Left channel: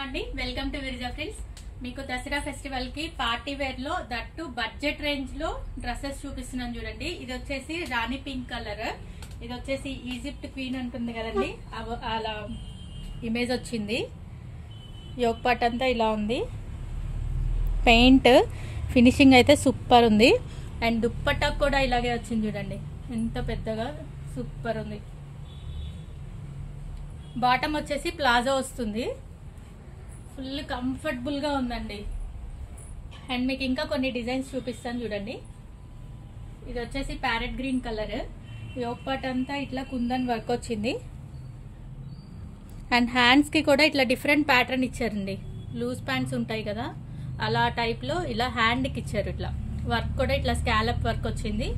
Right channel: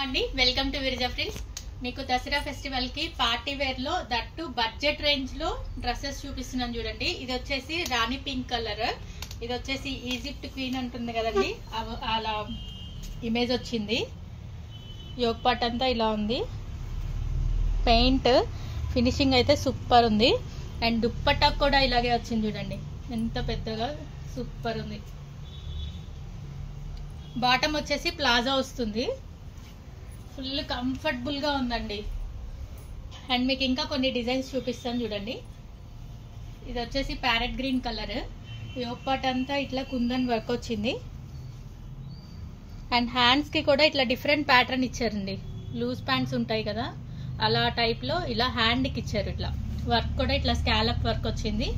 అండి welcome to విరిజా friends. మీకు దసరా ఫెస్టివల్ కి పార్టీ వేర్ లో దట్టు బడ్జెట్ రేంజ్ లో డ్రెస్సెస్ చూపిస్తున్నాను చూడండి. ఇది వచ్చేసి రాణి పింక్ కలర్, ఇది వచ్చేసి ఈజిప్ట్ క్వీన్ అంటుంది కదండి, అలా ఇమేజ్ వచ్చింది. యోగ్ పార్ట్ అంతా ఇలా ఉంది. పెయింట్ ఫినిషింగ్ అయితే సూపర్ ఉంది. అండ్ దుప్పట్టా కూడా ఇలాగే వచ్చింది చూడండి, ఎంత పెద్దగా సూపర్ ఉంది. బాటమ్ వచ్చేసి ప్లాజా వస్తుంది, ఫుల్ కంఫర్టబుల్ గా ఉందండి. అండ్ మీకు ఇంకా కొన్ని డిజైన్స్ చూపిస్తాను చూడండి. ఇది వచ్చేసి parrot green colour, yoke part అంతా ఇట్లా కుందన్ వర్క్ వచ్చింది. అండ్ హ్యాండ్స్ కి కూడా ఇట్లా డిఫరెంట్ ప్యాటర్న్ ఇచ్చారండి. లూజ్ ప్యాంట్స్ ఉంటాయి కదా, అలా టైప్ లో ఇలా హ్యాండ్ కి ఇచ్చారు. ఇట్లా వర్క్ కూడా ఇట్లా స్కాలప్ వర్క్ వచ్చింది.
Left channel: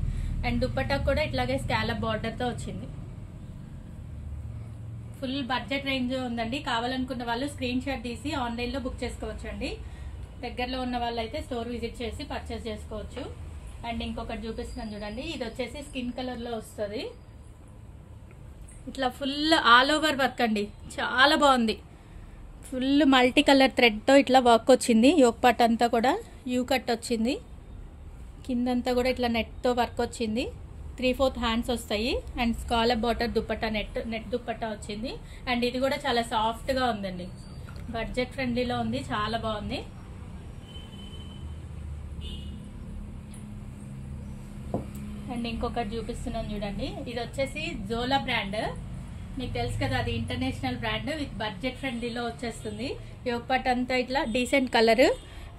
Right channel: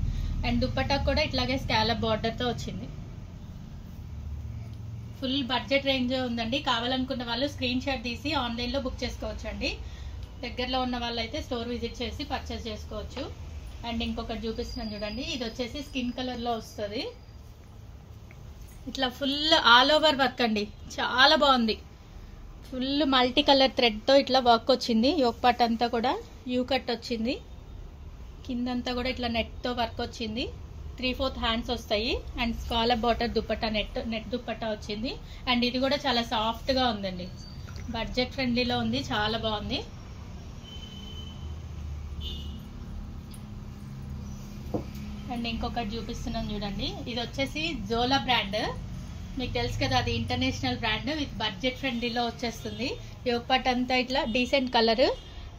అండ్ దుప్పట్టా కూడా ఇట్లాగే స్కాలప్ బార్డర్ తో వచ్చింది. ఫుల్ బడ్జెట్ రేంజ్ ఉందండి. కావాలనుకున్న వాళ్ళు స్క్రీన్ షాట్ తీసి ఆన్లైన్ లో బుక్ చేసుకోవచ్చు అండి. దగ్గరలో ఉన్న వాళ్ళు అయితే స్టోర్ విజిట్ చేసి పర్చేస్ చేసుకోవచ్చు. అండ్ ఇంకొకటి చూపిస్తున్నాను చూడండి. ఇది వచ్చేసి స్కిన్ కలర్ లో వస్తుంది. ఇట్లా ఫుల్ ఆల్ ఓవర్ వర్క్ అండి, చాలా బాగుంది. ఫుల్ మల్టీ కలర్ థ్రెడ్ తో ఇట్లా వర్క్ వచ్చింది. యోగ్ పార్ట్ అంతా కూడా యూ కట్ వచ్చింది. కిందంతా కూడా ఇట్లా నెట్ తో వర్క్ వచ్చింది. 3/4 హ్యాండ్స్ వస్తాయి. And scallop border dupatta net dupatta వచ్చింది. అండ్ ఇది కూడా చాలా సాఫ్ట్ గా ఉందండి, బడ్జెట్ ఫ్రెండ్లీలో ఉంది, చాలా బాగుంది. అండ్ ఇంకొకటి చూపిస్తున్నాను చూడండి. ఇది వచ్చేసి జోలా బ్రాండ్, మీకు తెలుసు కదా, అది ఇంటర్నేషనల్ బ్రాండ్. విత్ బడ్జెట్ ఫ్రెండ్లీలో వచ్చేస్తుంది. యోగ్ పార్ట్ అంతా ఇట్లా డీసెంట్ కలర్.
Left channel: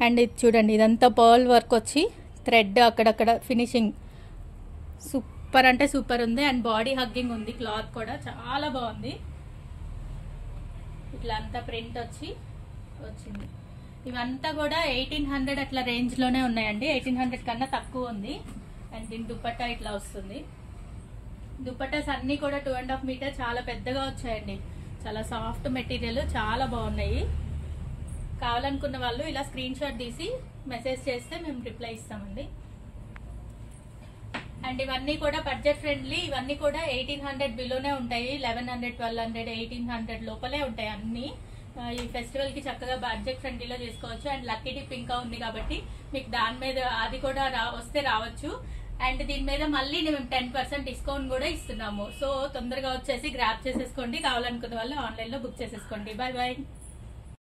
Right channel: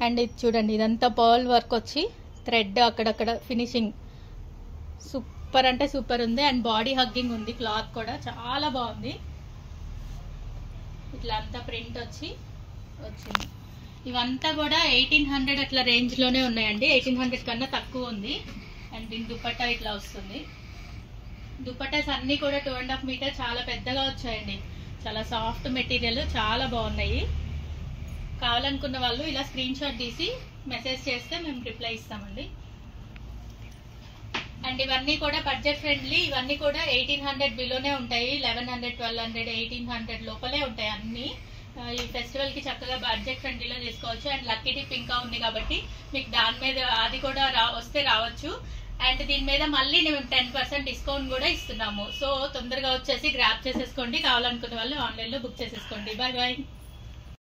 అండ్ ఇది చూడండి, ఇదంతా పర్ల్ వర్క్ వచ్చి థ్రెడ్ అక్కడక్కడ ఫినిషింగ్ సూపర్ అంటే సూపర్ ఉంది. అండ్ బాడీ హగ్గింగ్ ఉంది. క్లాత్ కూడా చాలా బాగుంది. ఇట్లా అంతా ప్రింట్ వచ్చింది. ఇవంతా కూడా 1800 అట్లా రేంజ్ లోనే ఉన్నాయండి. 1800 కన్నా తక్కువ ఉంది. అండ్ దీని దుప్పట్టా ఇట్లా వస్తుంది. దుప్పట్టాస్ అన్ని కూడా 2.5 మీటర్ చాలా పెద్దగా వచ్చాయండి. చాలా సాఫ్ట్ మెటీరియల్, చాలా బాగున్నాయి. కావాలనుకున్న వాళ్ళు ఇలా స్క్రీన్ షాట్ తీసి మెసేజ్ చేస్తే మేము రిప్లై ఇస్తామండి. అండ్ ఇవన్నీ కూడా బడ్జెట్ ఫ్రెండ్లీ. ఇవన్నీ కూడా 1800 బిలోనే ఉంటాయి. 1100, 1200, 1800 లోపలే ఉంటాయి అన్ని. ఈ ఫెస్టివల్ కి చక్కగా బడ్జెట్ ఫ్రెండ్లీలో చేసుకోవచ్చు. అండ్ లక్కీ టిప్ ఇంకా ఉంది కాబట్టి మీకు దాని మీద అది కూడా వస్తే రావచ్చు. అండ్ దీని మీద మళ్ళీ మేము 10% డిస్కౌంట్ కూడా ఇస్తున్నాము. సో తొందరగా వచ్చేసి గ్రాప్ చేసేసుకోండి. కావాలనుకున్న వాళ్ళు ఆన్లైన్ లో బుక్ చేసేసుకోండి. Bye bye.